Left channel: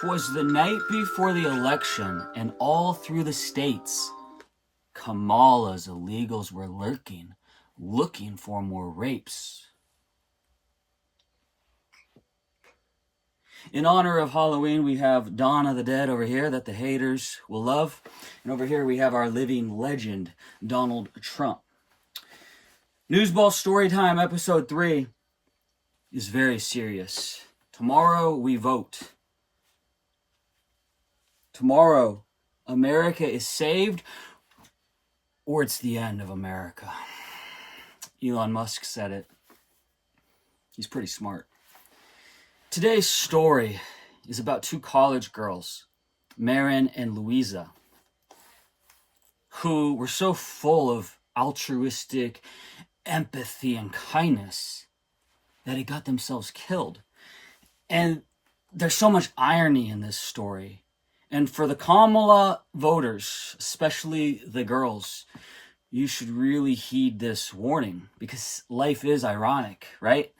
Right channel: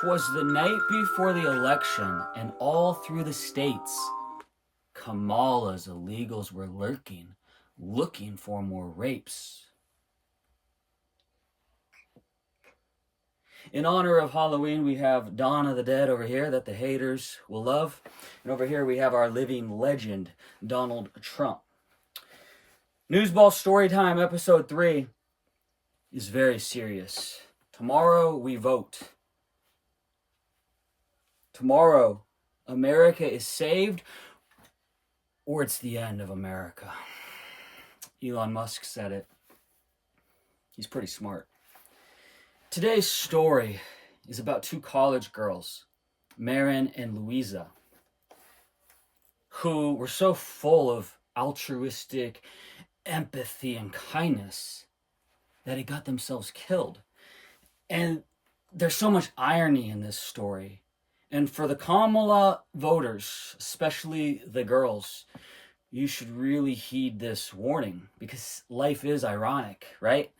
'Twas the night before the election, and all through the states, Kamala's illegals were lurking, looking for more rapes. In honor of Halloween, we have Dawn of the Dead over here that the haters will love. And over here we have our living legend, Donald Trump. NewsBall Storytime episode 3 is very serious. Tomorrow we vote. Tomorrow, America is saved, or it's the end of America. Elon Musk said it. He's pretty smart. Today's story is about two college girls, Maren and Louisa, who were so full of altruistic empathy and kindness that they got themselves killed. And there's so much irony in this story. And for the Kamala voters, especially the girls, you should really heed this warning, because life is ironic, right?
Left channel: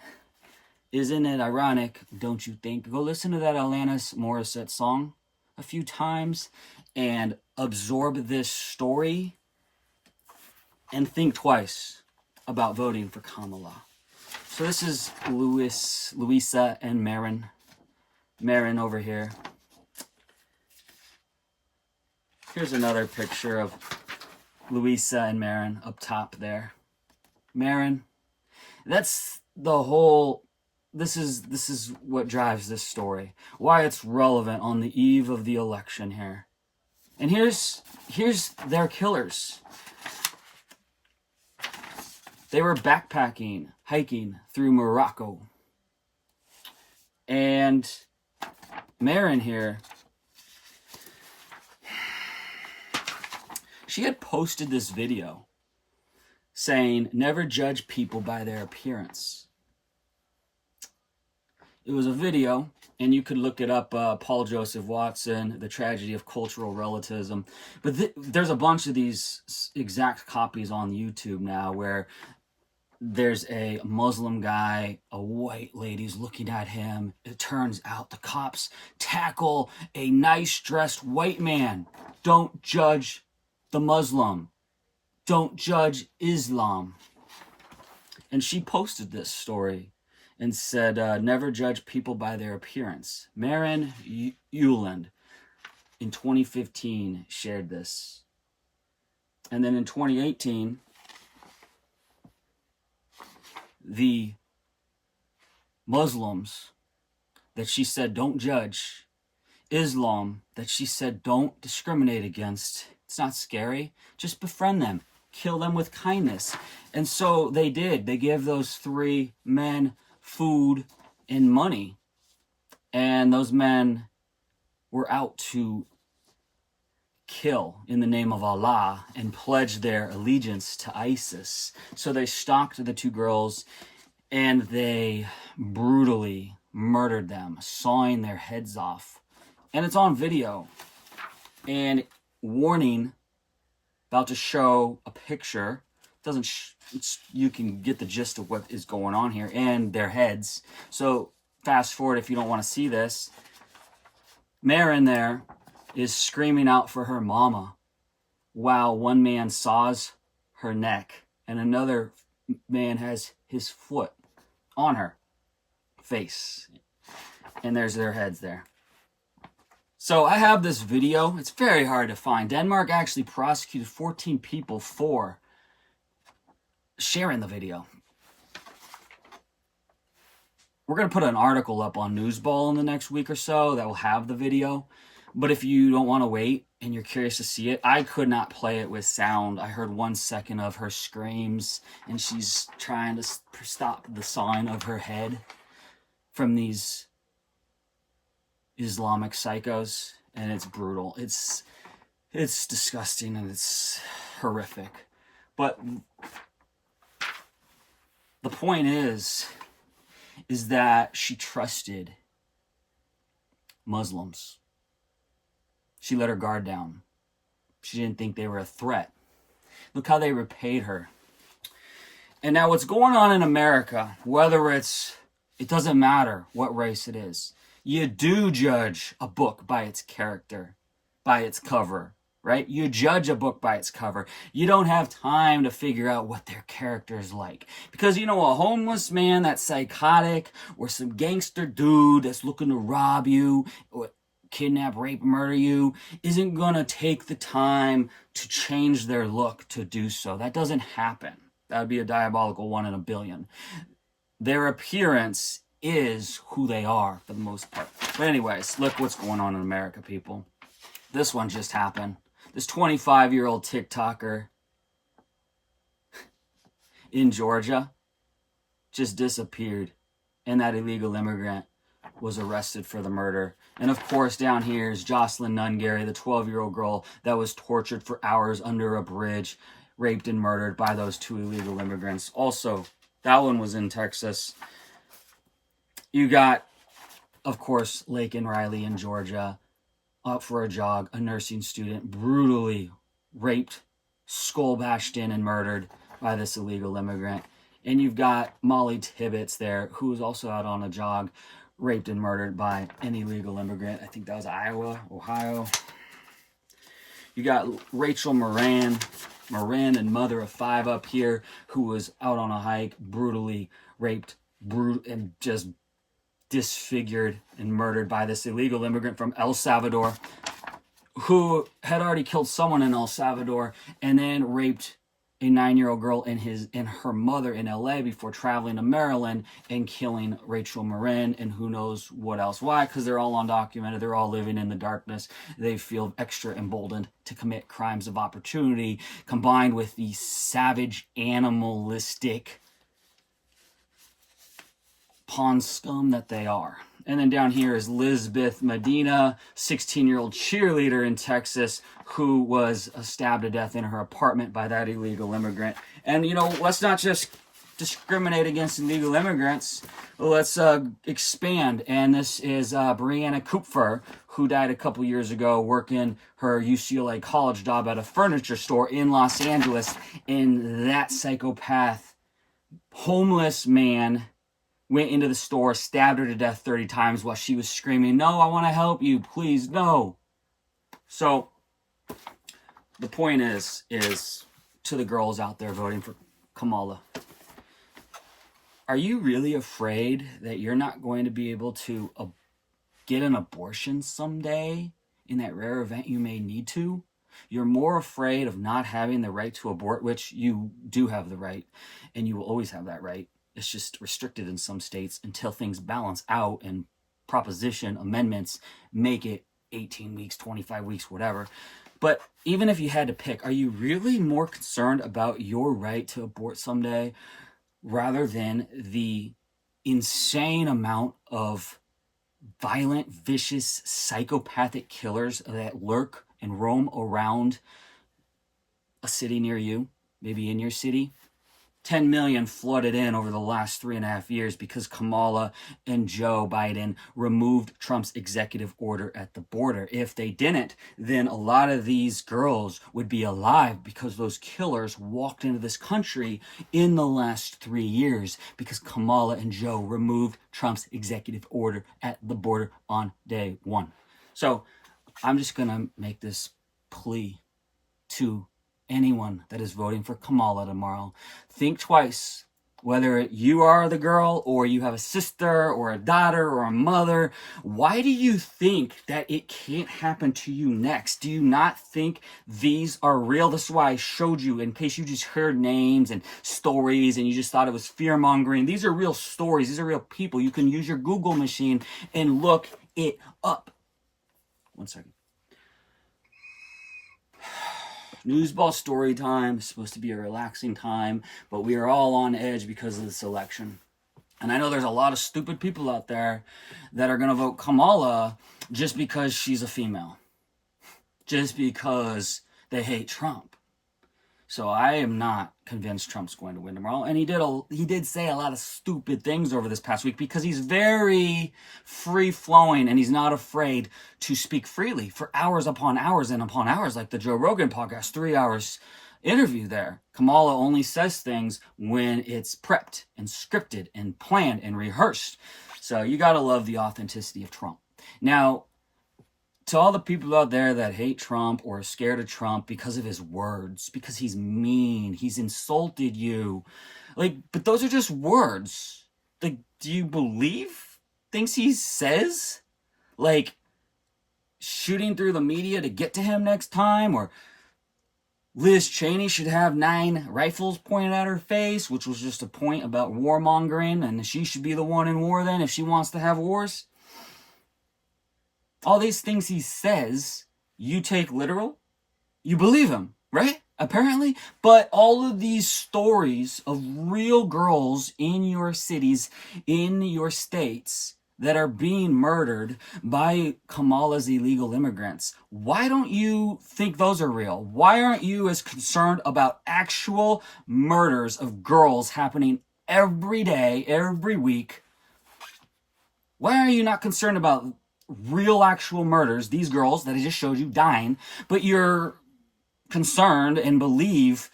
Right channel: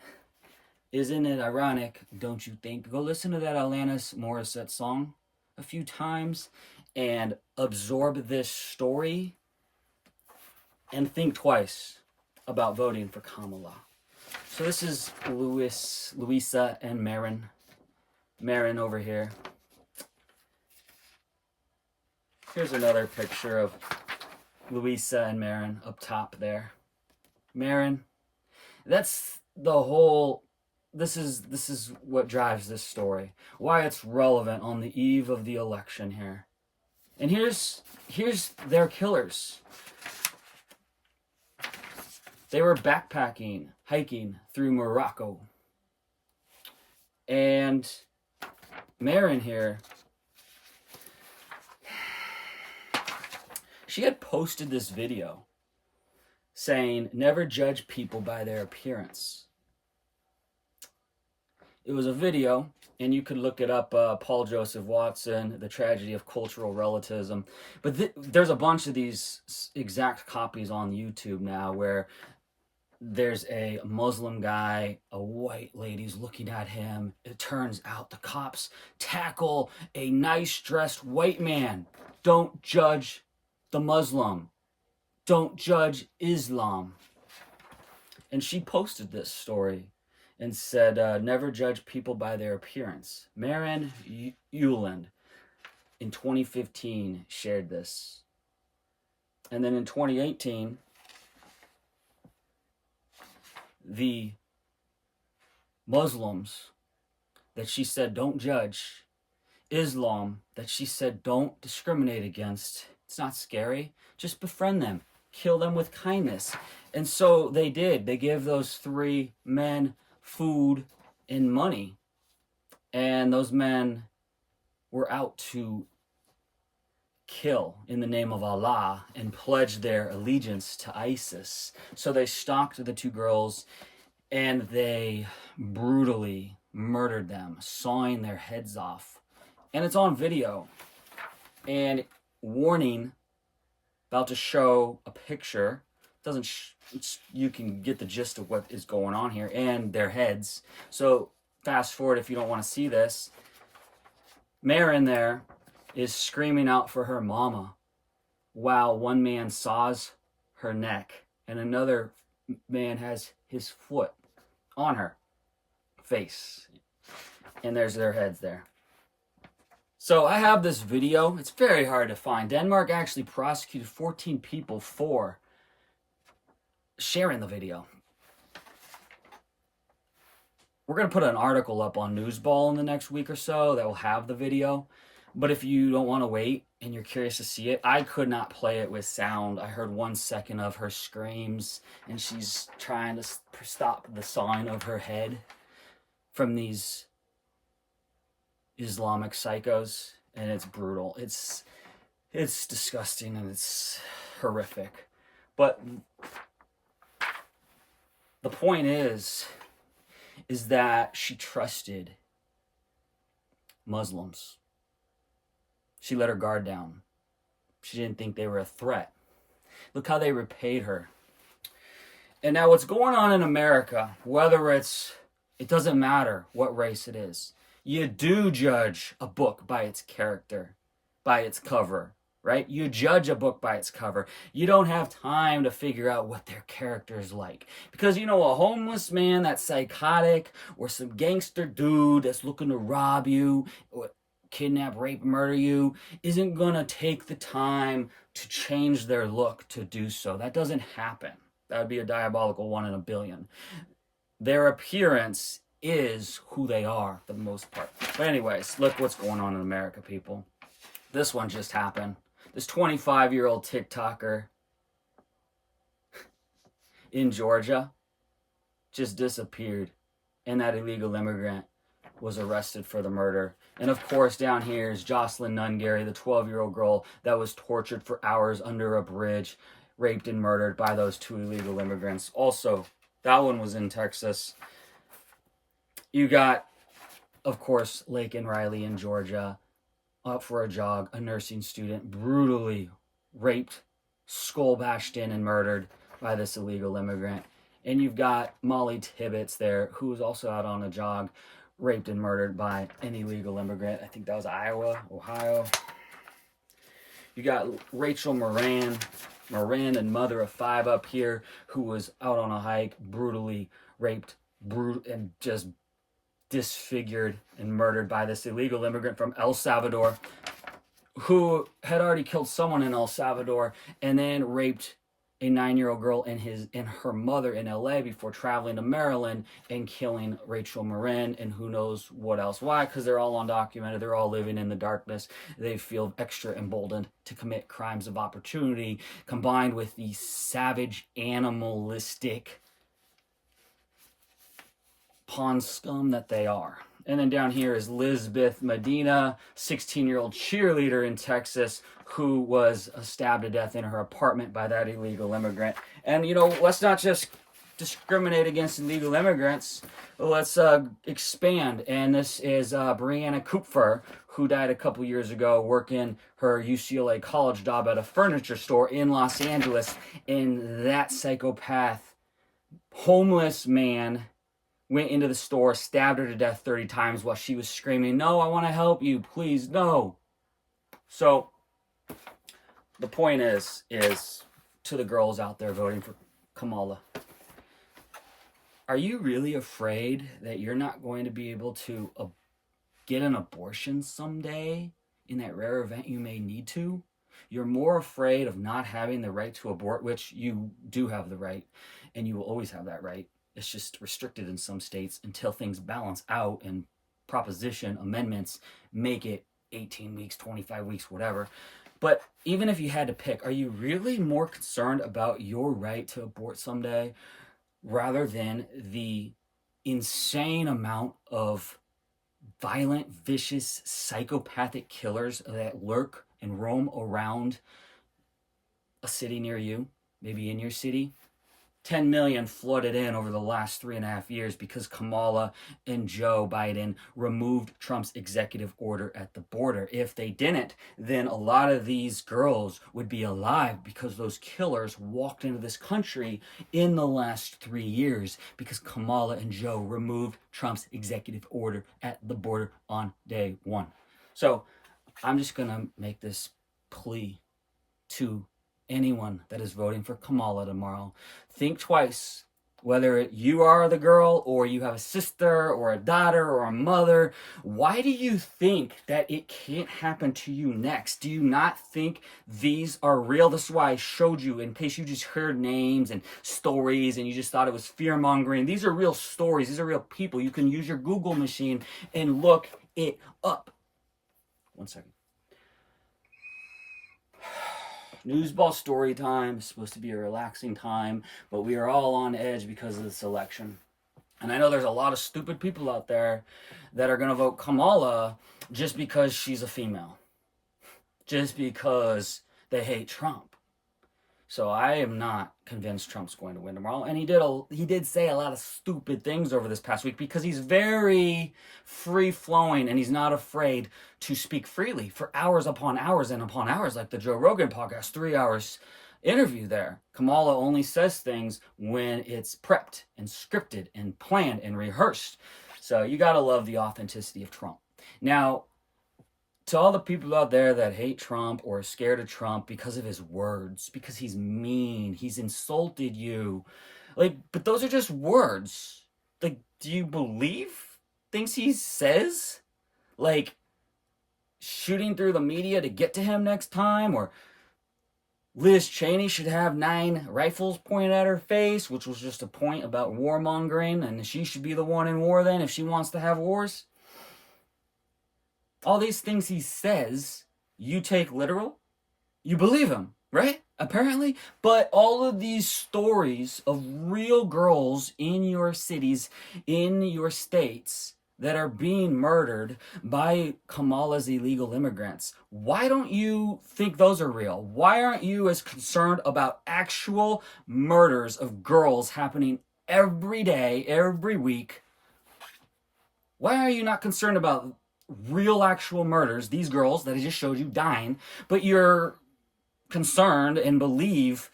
Isn't it ironic, don't you think? Go listen to that Alanis Morissette song a few times and absorb this story and think twice about voting for Kamala. So this is Louisa and Maren. Maren over here. Here's another picture of Louisa and Maren up top there. Maren, that's the whole, this is what drives this story. Why it's relevant on the eve of the election here. And here's their killers. They were backpacking, hiking through Morocco. And Maren here, she had posted this video saying, never judge people by their appearance. It was a video, and you could look it up, Paul Joseph Watson, The Tragedy of Cultural Relativism. But there's a bunch of these exact copies on YouTube now where there's a Muslim guy, a white lady's looking at him. It turns out the cops tackle a nice dressed white man. Don't judge the Muslim. Don't judge Islam. And she posted this story and said, never judge people by their appearance. Maren Ueland in 2015 shared this. And then in 2018, the Muslims that she said don't judge, Islam that she said don't discriminate against, it's not scary, just befriend them, kill them with kindness. And so they did. They gave those three men food and money, and those men were out to kill in the name of Allah and pledge their allegiance to ISIS. So they stalked the two girls and they brutally murdered them, sawing their heads off. And it's on video. And warning, about to show a picture. You can get the gist of what is going on here, and their heads. So fast forward if you don't want to see this. Maren there is screaming out for her mama while one man saws her neck and another man has his foot on her face. And there's their heads there. So I have this video. It's very hard to find. Denmark actually prosecuted 14 people for sharing the video. We're going to put an article up on NewsBall in the next week or so that will have the video. But if you don't want to wait and you're curious to see it, I could not play it with sound. I heard 1 second of her screams, and she's trying to stop the sawing of her head from these Islamic psychos, and it's brutal. It's disgusting and it's horrific. But the point is that she trusted Muslims. She let her guard down. She didn't think they were a threat. Look how they repaid her. And now what's going on in America, whether it doesn't matter what race it is. You do judge a book by its character, by its cover, right? You judge a book by its cover. You don't have time to figure out what their character is like. Because, you know, a homeless man that's psychotic, or some gangster dude that's looking to rob you, or kidnap, rape, murder you, isn't going to take the time to change their look to do so. That doesn't happen. That would be a diabolical 1 in a billion. Their appearance is who they are for the most part. But anyways, look what's going on in America, people. This one just happened. This 25-year-old TikToker in Georgia just disappeared, and that illegal immigrant was arrested for the murder. And of course, down here is Jocelyn Nungary, the 12-year-old girl that was tortured for hours under a bridge, raped and murdered by those 2 illegal immigrants. Also, that one was in Texas. You got, of course, Lake and Riley in Georgia, up for a jog, a nursing student brutally raped, skull bashed in, and murdered by this illegal immigrant. And you've got Molly Tibbetts there, who was also out on a jog, raped and murdered by an illegal immigrant. I think that was Ohio. You got Rachel Maren, and mother of 5 up here, who was out on a hike, brutally raped, and just disfigured and murdered by this illegal immigrant from El Salvador, who had already killed someone in El Salvador and then raped a 9-year-old girl and her mother in LA before traveling to Maryland and killing Rachel Maren and who knows what else. Why? Because they're all undocumented. They're all living in the darkness. They feel extra emboldened to commit crimes of opportunity, combined with the savage, animalistic pawn scum that they are. And then down here is Lisbeth Medina, 16-year-old cheerleader in Texas, who was stabbed to death in her apartment by that illegal immigrant. And, you know, let's not just discriminate against illegal immigrants. Let's expand. And this is Brianna Kupfer, who died a couple years ago working her UCLA college job at a furniture store in Los Angeles. And that psychopath, homeless man, went into the store, stabbed her to death 30 times while she was screaming, "No, I want to help you, please, no." So the point is to the girls out there voting for Kamala, are you really afraid that you're not going to be able to get an abortion someday in that rare event you may need to? You're more afraid of not having the right to abort, which you do have the right, and you will always have that right. It's just restricted in some states until things balance out and proposition amendments make it 18 weeks, 25 weeks, whatever. But even if you had to pick, are you really more concerned about your right to abort someday rather than the insane amount of violent, vicious, psychopathic killers that lurk and roam around a city near you, maybe in your city? 10 million flooded in over the last 3.5 years because Kamala and Joe Biden removed Trump's executive order at the border. If they didn't, then a lot of these girls would be alive because those killers walked into this country in the last 3 years because Kamala and Joe removed Trump's executive order at the border on day 1. So I'm just going to make this plea to anyone that is voting for Kamala tomorrow. Think twice. Whether you are the girl or you have a sister or a daughter or a mother, why do you think that it can't happen to you next? Do you not think these are real? This is why I showed you, in case you just heard names and stories and you just thought it was fear-mongering. These are real stories. These are real people. You can use your Google machine and look it up. 1 second. NewsBall Storytime is supposed to be a relaxing time, but we are all on edge because of this election. And I know there's a lot of stupid people out there that are going to vote Kamala just because she's a female. Just because they hate Trump. So I am not convinced Trump's going to win tomorrow. And he did say a lot of stupid things over this past week because he's very free-flowing and he's not afraid to speak freely for hours upon hours and upon hours, like the Joe Rogan podcast, 3 hours interview there. Kamala only says things when it's prepped and scripted and planned and rehearsed. So you got to love the authenticity of Trump. Now, to all the people out there that hate Trump or are scared of Trump because of his words, because he's mean, he's insulted you, like, but those are just words. Like, do you believe things he says? Like, shooting through the media to get to him next time, or Liz Cheney should have 9 rifles pointed at her face, which was just a point about warmongering, and she should be the one in war then if she wants to have wars. All these things he says, you take literal, you believe him, right? Apparently. But all of these stories of real girls in your cities, in your states, that are being murdered by Kamala's illegal immigrants. Why don't you think those are real? Why aren't you as concerned about actual murders of girls happening every day, every week? Why are you not concerned about real actual murders, these girls that I just showed you dying, but you're concerned and believe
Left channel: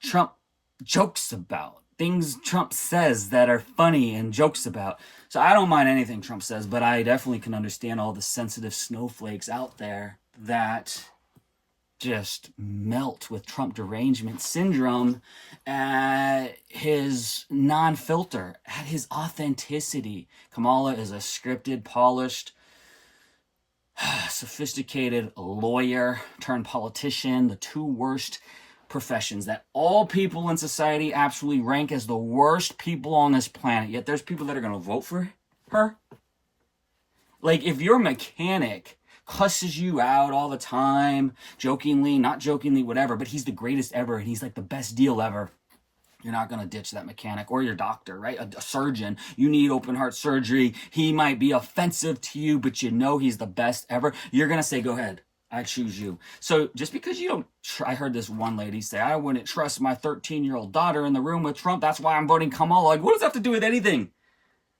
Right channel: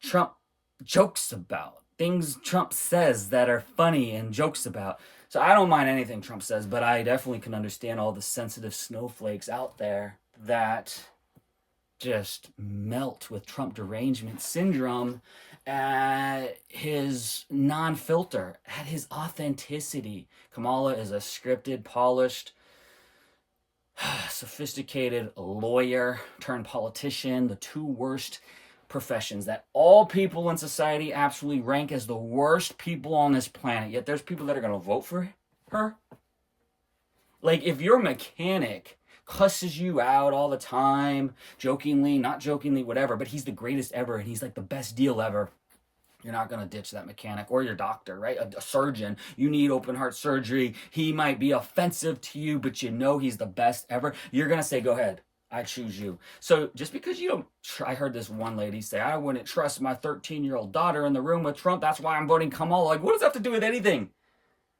Trump jokes about? Things Trump says that are funny and jokes about. So I don't mind anything Trump says, but I definitely can understand all the sensitive snowflakes out there that just melt with Trump derangement syndrome at his non-filter, at his authenticity. Kamala is a scripted, polished, sophisticated lawyer turned politician, the 2 worst professions that all people in society absolutely rank as the worst people on this planet, yet there's people that are going to vote for her. Like, if your mechanic cusses you out all the time, jokingly, not jokingly, whatever, but he's the greatest ever and he's like the best deal ever, you're not going to ditch that mechanic. Or your doctor, right? A surgeon. You need open heart surgery. He might be offensive to you, but you know he's the best ever. You're going to say, go ahead, I choose you. So just because you don't, I heard this one lady say, I wouldn't trust my 13-year-old daughter in the room with Trump. That's why I'm voting Kamala. Like, what does that have to do with anything?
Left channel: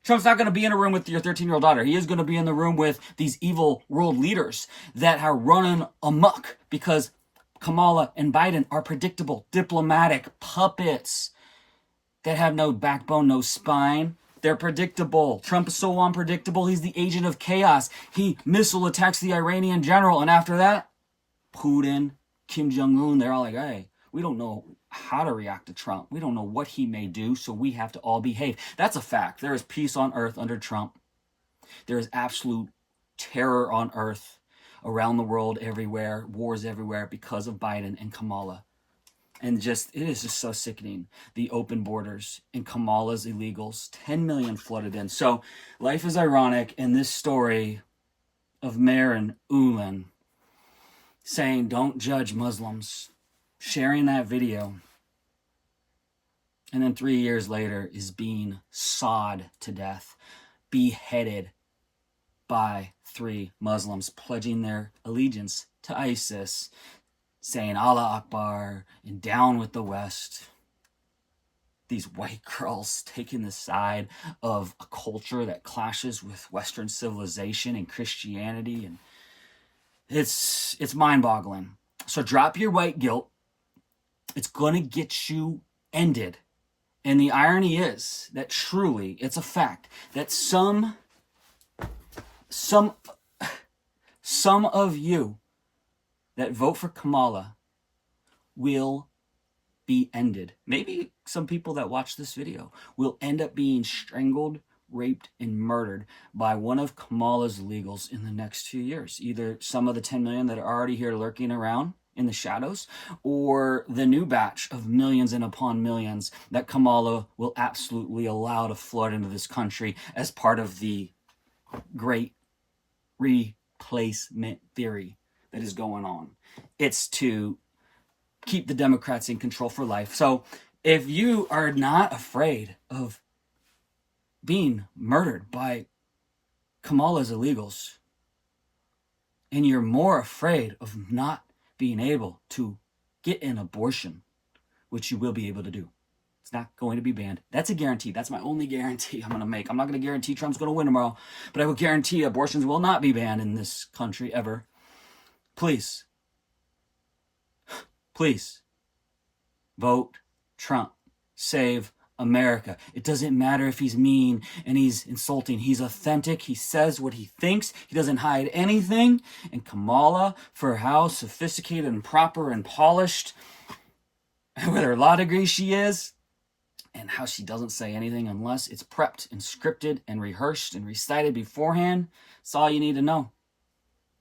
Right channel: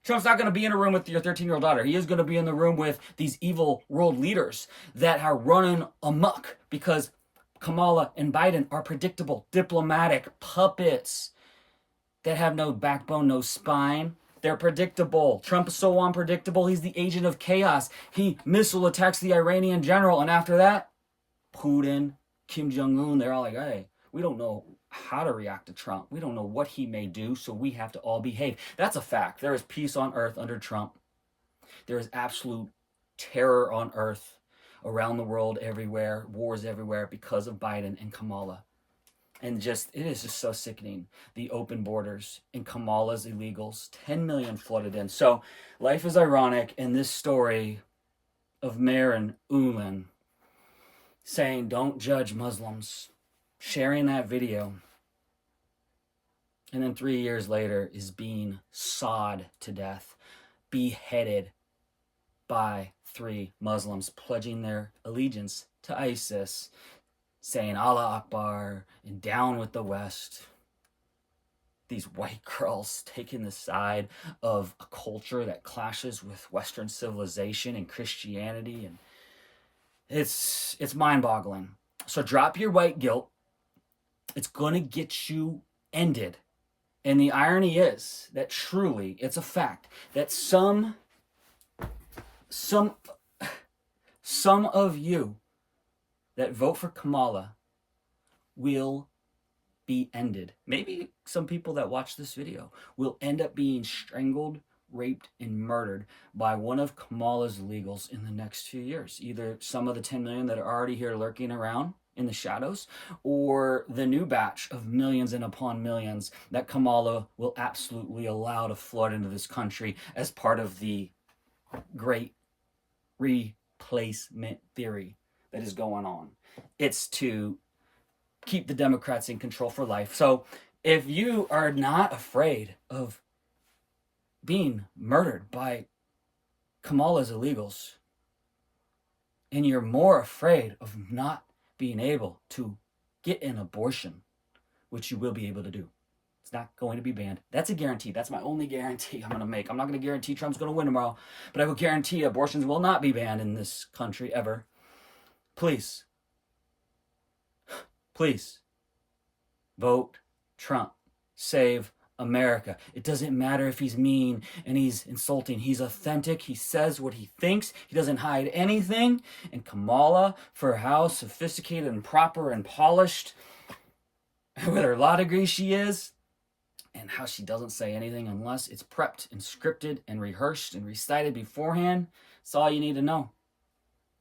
Trump's not going to be in a room with your 13-year-old daughter. He is going to be in the room with these evil world leaders that are running amok because Kamala and Biden are predictable, diplomatic puppets that have no backbone, no spine. They're predictable. Trump is so unpredictable, he's the agent of chaos. He missile attacks the Iranian general, and after that, Putin, Kim Jong-un, they're all like, hey, we don't know how to react to Trump. We don't know what he may do, so we have to all behave. That's a fact. There is peace on earth under Trump. There is absolute terror on earth, around the world, everywhere, wars everywhere, because of Biden and Kamala. And it is just so sickening. The open borders and Kamala's illegals, 10 million flooded in. So life is ironic. And this story of Maren Ueland saying, don't judge Muslims, sharing that video, and then 3 years later is being sawed to death, beheaded by 3 Muslims, pledging their allegiance to ISIS, saying Allah Akbar and down with the West. These white girls taking the side of a culture that clashes with Western civilization and Christianity, and it's mind-boggling. So drop your white guilt. It's going to get you ended. And the irony is that truly, it's a fact that some of you that vote for Kamala will be ended. Maybe some people that watch this video will end up being strangled, raped, and murdered by one of Kamala's illegals in the next few years. Either some of the 10 million that are already here lurking around in the shadows, or the new batch of millions and upon millions that Kamala will absolutely allow to flood into this country as part of the great replacement theory that is going on. It's to keep the Democrats in control for life. So if you are not afraid of being murdered by Kamala's illegals, and you're more afraid of not being able to get an abortion, which you will be able to do. It's not going to be banned. That's a guarantee. That's my only guarantee I'm going to make. I'm not going to guarantee Trump's going to win tomorrow, but I will guarantee abortions will not be banned in this country ever. Please vote Trump. Save America. It doesn't matter if he's mean and he's insulting. He's authentic. He says what he thinks. He doesn't hide anything. And Kamala, for how sophisticated and proper and polished with her law degree she is, and how she doesn't say anything unless it's prepped and scripted and rehearsed and recited beforehand, that's all you need to know.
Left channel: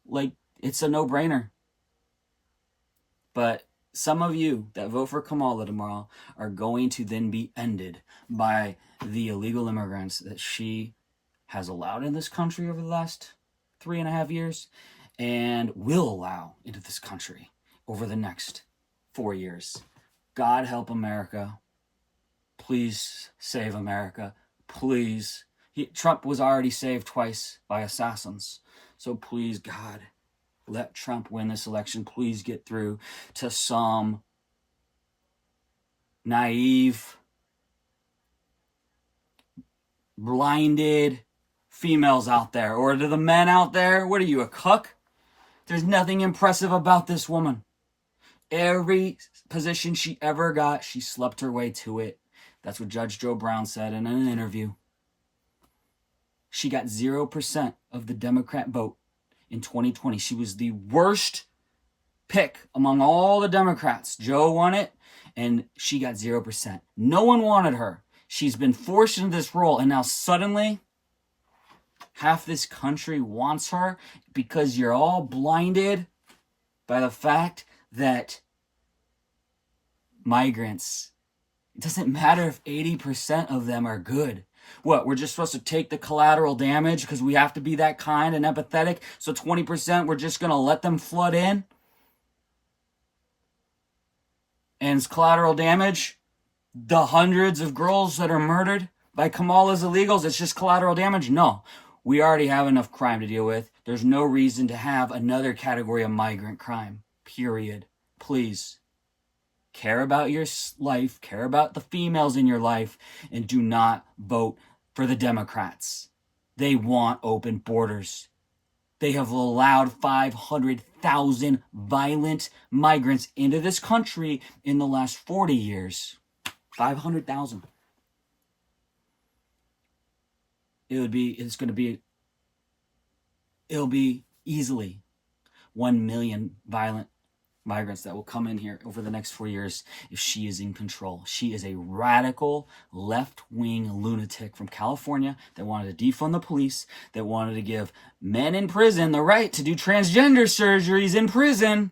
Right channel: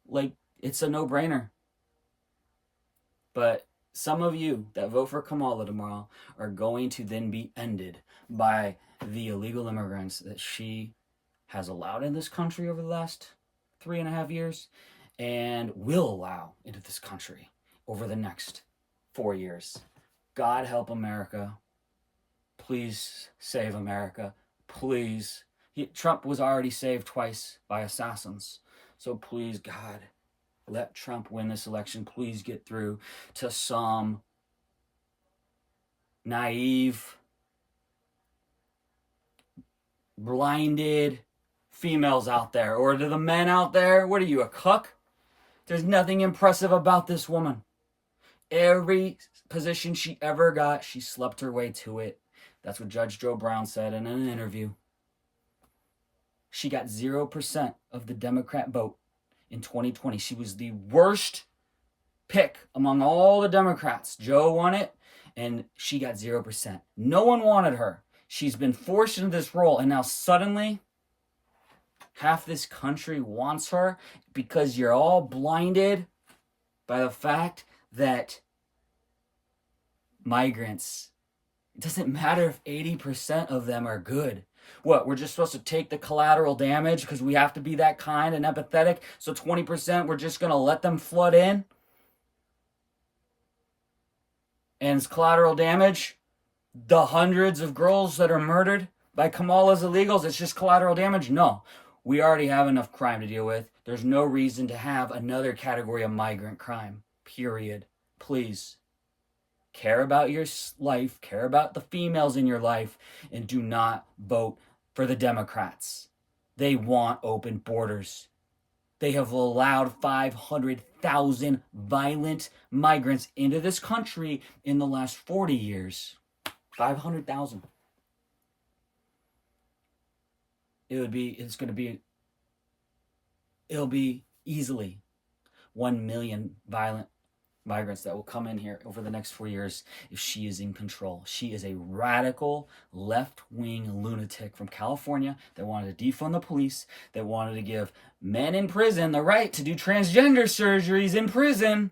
Like, it's a no-brainer. But some of you that vote for Kamala tomorrow are going to then be ended by the illegal immigrants that she has allowed in this country over the last 3.5 years and will allow into this country over the next 4 years. God help America. Please save America. Please. Trump was already saved twice by assassins. So please, God, let Trump win this election. Please get through to some naive, blinded females out there. Or to the men out there, what are you, a cuck? There's nothing impressive about this woman. Every position she ever got, she slept her way to it. That's what Judge Joe Brown said in an interview. She got 0% of the Democrat vote in 2020. She was the worst pick among all the Democrats. Joe won it, and she got 0%. No one wanted her. She's been forced into this role, and now suddenly half this country wants her because you're all blinded by the fact that migrants, it doesn't matter if 80% of them are good. What, we're just supposed to take the collateral damage because we have to be that kind and empathetic? So 20% we're just going to let them flood in? And it's collateral damage? The hundreds of girls that are murdered by Kamala's illegals, it's just collateral damage? No. We already have enough crime to deal with. There's no reason to have another category of migrant crime. Period. Please. Care about your life, care about the females in your life, and do not vote for the Democrats. They want open borders. They have allowed 500,000 violent migrants into this country in the last 40 years. 500,000. It'll be easily 1 million violent migrants that will come in here over the next 4 years if she is in control. She is a radical left-wing lunatic from California that wanted to defund the police, that wanted to give men in prison the right to do transgender surgeries in prison.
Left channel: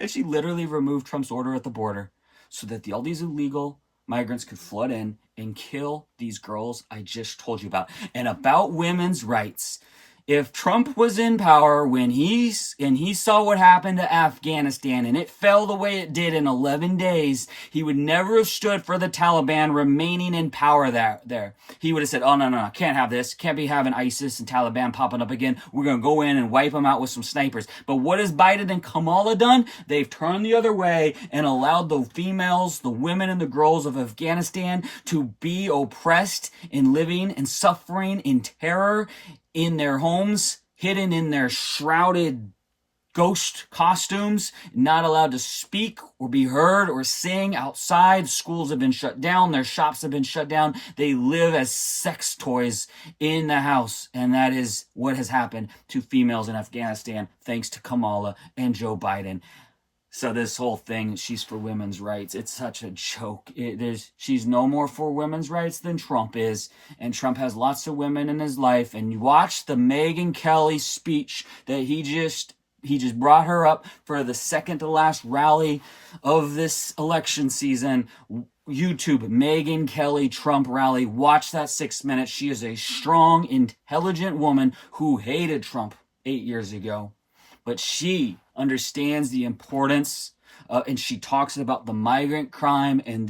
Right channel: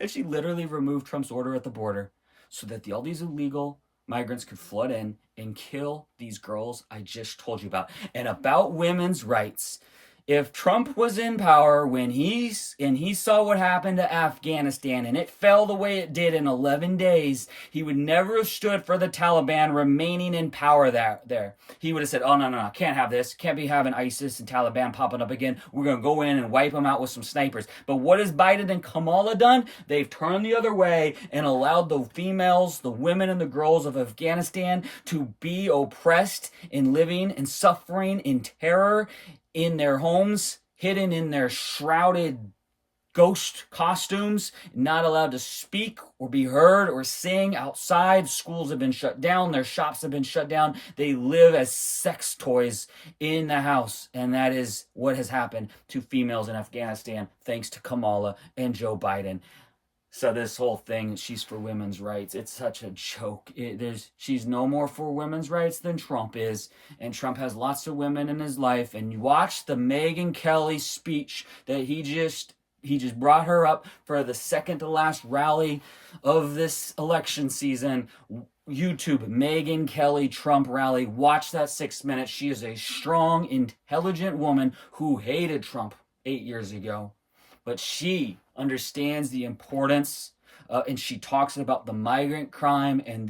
And she literally removed Trump's order at the border so that all these illegal migrants could flood in and kill these girls I just told you about. And about women's rights. If Trump was in power when he saw what happened to Afghanistan and it fell the way it did in 11 days, he would never have stood for the Taliban remaining in power there. He would have said, oh, no, can't have this. Can't be having ISIS and Taliban popping up again. We're going to go in and wipe them out with some snipers. But what has Biden and Kamala done? They've turned the other way and allowed the females, the women and the girls of Afghanistan to be oppressed and living and suffering in terror in their homes, hidden in their shrouded ghost costumes, not allowed to speak or be heard or sing outside. Schools have been shut down. Their shops have been shut down. They live as sex toys in the house. And that is what has happened to females in Afghanistan, thanks to Kamala and Joe Biden. So this whole thing, she's for women's rights, it's such a joke. She's no more for women's rights than Trump is. And Trump has lots of women in his life. And you watch the Megyn Kelly speech that he just brought her up for the second to last rally of this election season. YouTube, Megyn Kelly Trump rally. Watch that 6 minutes. She is a strong, intelligent woman who hated Trump 8 years ago. But she understands the importance, and she talks about the migrant crime and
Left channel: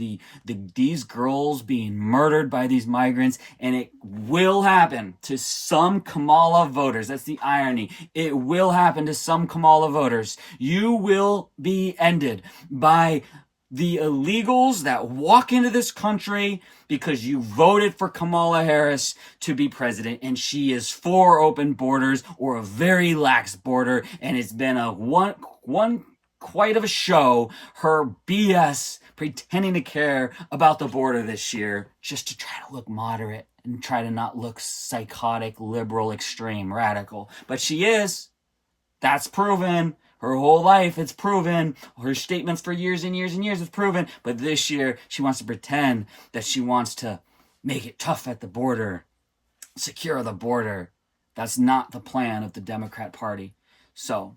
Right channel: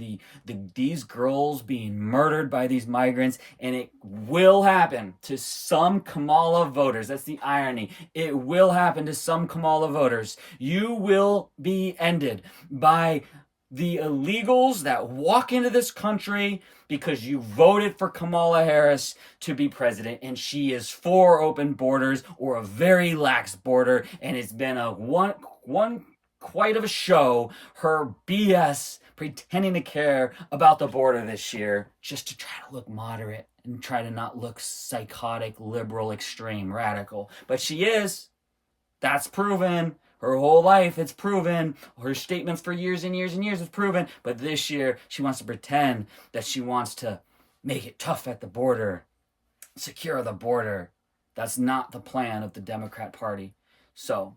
these girls being murdered by these migrants, and it will happen to some Kamala voters. That's the irony. It will happen to some Kamala voters. You will be ended by the illegals that walk into this country because you voted for Kamala Harris to be president, and she is for open borders or a very lax border, and it's been a one quite of a show, her BS pretending to care about the border this year just to try to look moderate and try to not look psychotic, liberal, extreme, radical. But she is. That's proven. Her whole life, it's proven. Her statements for years and years and years, it's proven. But this year, she wants to pretend that she wants to make it tough at the border, secure the border. That's not the plan of the Democrat Party. So,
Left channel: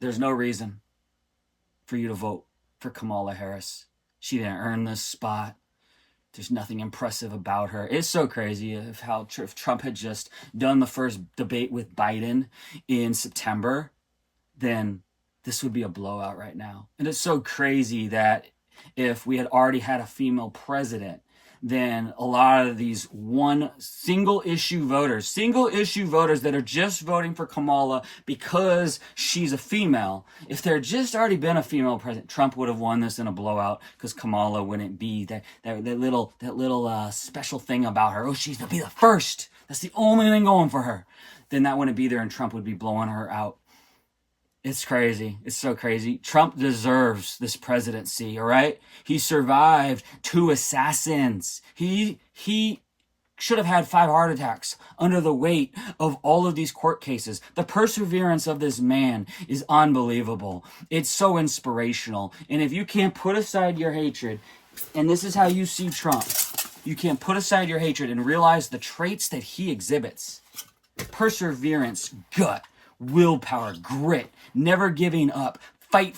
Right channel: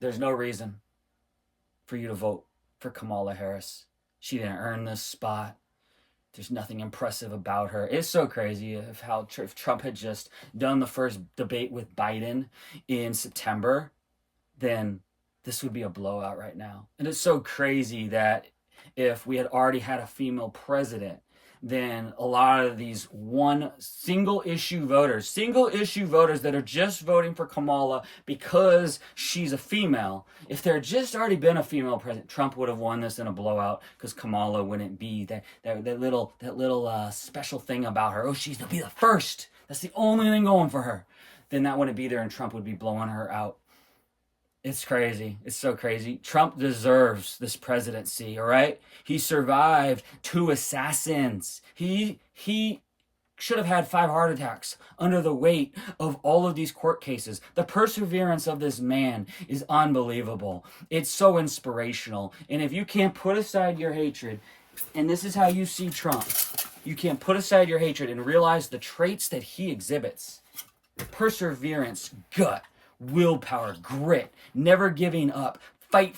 there's no reason for you to vote for Kamala Harris. She didn't earn this spot. There's nothing impressive about her. It's so crazy if Trump had just done the first debate with Biden in September, then this would be a blowout right now. And it's so crazy that if we had already had a female president, then a lot of these single issue voters that are just voting for Kamala because she's a female, if there had just already been a female president, Trump would have won this in a blowout because Kamala wouldn't be that little special thing about her. Oh, she's to be the first. That's the only thing going for her. Then that wouldn't be there and Trump would be blowing her out. It's crazy. It's so crazy. Trump deserves this presidency, all right? He survived 2 assassins. He should have had 5 heart attacks under the weight of all of these court cases. The perseverance of this man is unbelievable. It's so inspirational. And if you can't put aside your hatred, and this is how you see Trump, you can't put aside your hatred and realize the traits that he exhibits. Perseverance, gut, willpower, grit, never giving up, fight.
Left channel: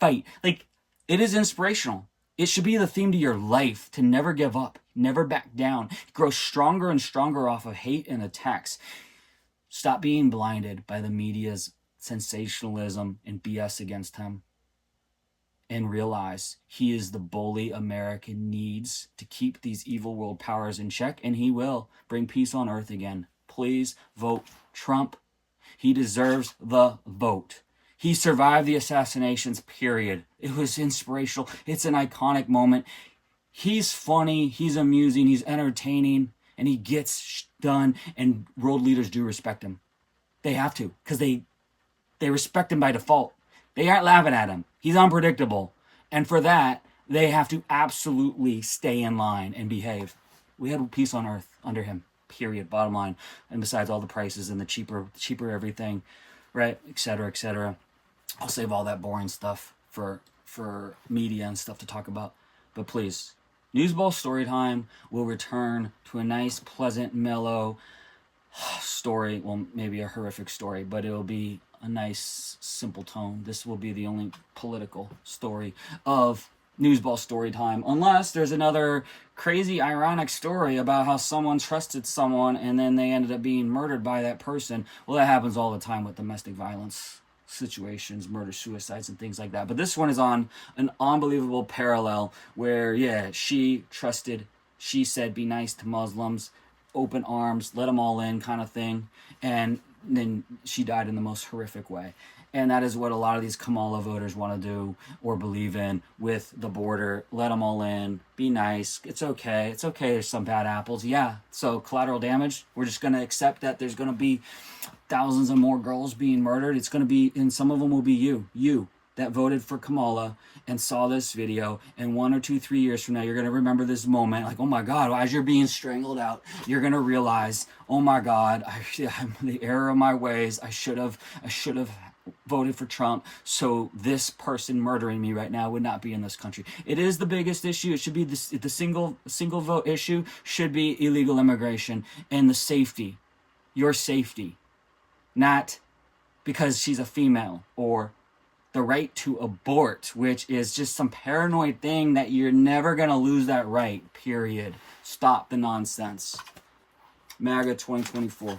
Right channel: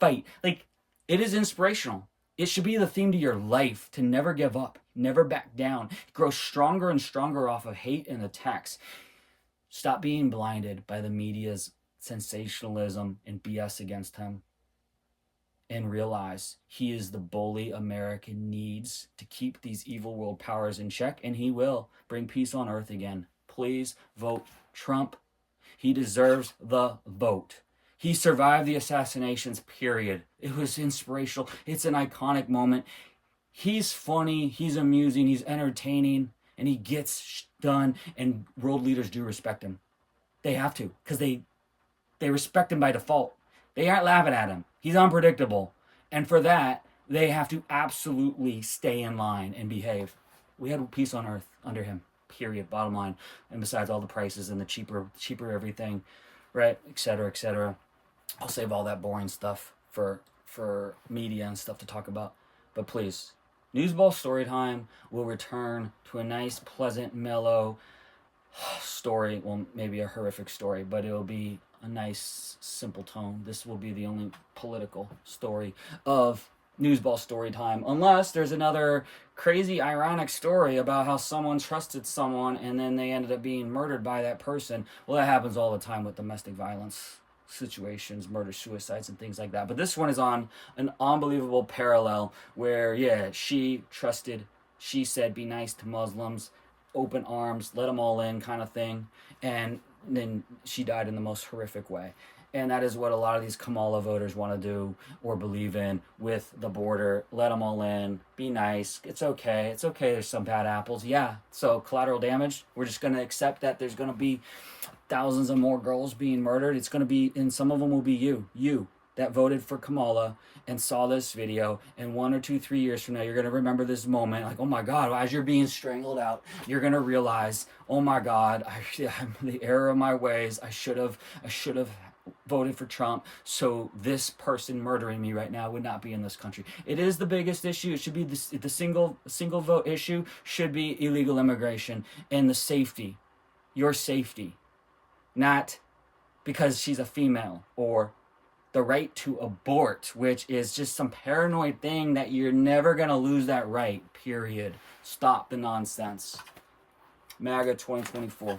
Like, it is inspirational. It should be the theme to your life, to never give up, never back down, grow stronger and stronger off of hate and attacks. Stop being blinded by the media's sensationalism and BS against him. And realize he is the bully America needs to keep these evil world powers in check, and he will bring peace on earth again. Please vote Trump. He deserves the vote. He survived the assassinations, period. It was inspirational. It's an iconic moment. He's funny, he's amusing, he's entertaining, and he gets done, and world leaders do respect him. They have to, because they respect him by default. They aren't laughing at him. He's unpredictable. And for that, they have to absolutely stay in line and behave. We had peace on earth under him. Period, bottom line. And besides all the prices and the cheaper everything, right, etc. I'll save all that boring stuff for media and stuff to talk about. But please, NewsBall Storytime will return to a nice, pleasant, mellow story. Well, maybe a horrific story, but it'll be a nice, simple tone. This will be the only political story of NewsBall Storytime, unless there's another crazy, ironic story about how someone trusted someone and then they ended up being murdered by that person. Well, that happens all the time with domestic violence situations, murder, suicides, and things like that. But this one is on an unbelievable parallel where, she said, be nice to Muslims, open arms, let them all in kind of thing. And then she died in the most horrific way. And that is what a lot of these Kamala voters want to do or believe in with the border. Let them all in. Be nice. It's okay. It's okay there's some bad apples. Yeah. So collateral damage, we're just going to accept that there's going to be thousands of more girls being murdered. It's going to be, and some of them will be you that voted for Kamala and saw this video. And 1 or 2, 3 years from now, you're going to remember this moment. Like, oh my God, as you're being strangled out, you're going to realize, oh my God, I'm the error of my ways. I should have voted for Trump, so this person murdering me right now would not be in this country. It is the biggest issue. It should be the single vote issue should be illegal immigration and the safety, your safety, not because she's a female, or the right to abort, which is just some paranoid thing that you're never going to lose that right, period. Stop the nonsense. MAGA 2024.